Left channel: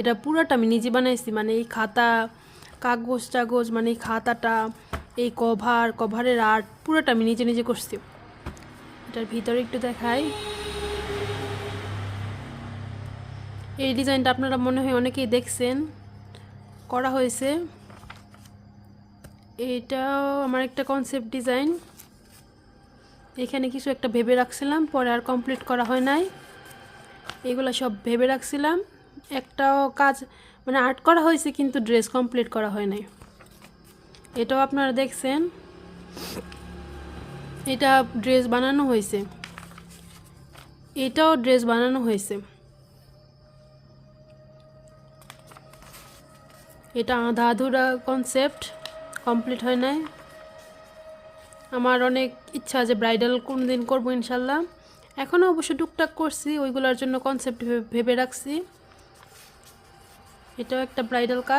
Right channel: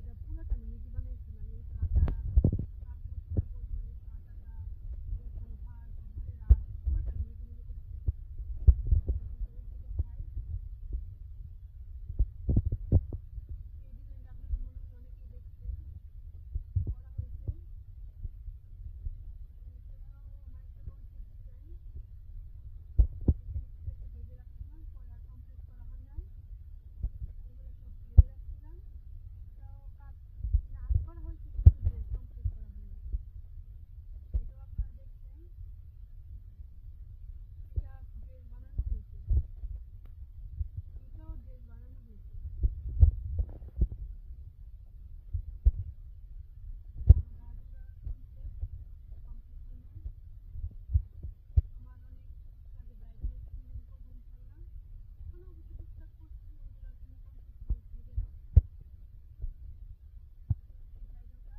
এটা পুরোটা আমি নিজে বানাইছি, মানে এই খাতা কাগজ টাগজ, মানে এই খাতাটা, এই কভারের আর্ট পুরোটা আমি নিজে নিজে করছি। এটার ভিতরে একটু দেখাই। এই ডিজাইনটা আপনারা মনে হয় অনেকেই দেখছেন, করা হয়েছে। এইটাও আমার একটা কনসেপ্ট ডিজাইন। এখানে কিছু একটা ভেবে রাখছিলাম, পরে আর কমপ্লিট করা হয় নাই। এগুলো সব ভেবে রাখছিলাম, একটাও কাজ মানে আর্ট করা হয়েছে কিন্তু ড্রেস কমপ্লিট করা হয় নাই। এটাও আপনারা দেখছেন, এটা ড্রেস বানানো হয়েছে, এটাও ড্রেস বানানো হয়েছে। এটা আধা আধুরা কনসেপ্ট, কমপ্লিট হয় নাই। আমার অনেক ইচ্ছা যে ব্রাইডাল কোন দিন করবো ইনশাল্লাহ। এখনও অবশ্য টুকটাক করছি, ওইগুলোর জন্য কনসেপ্ট ভেবে রাখছি। এটাও একটা ব্রাইডাল কাজ।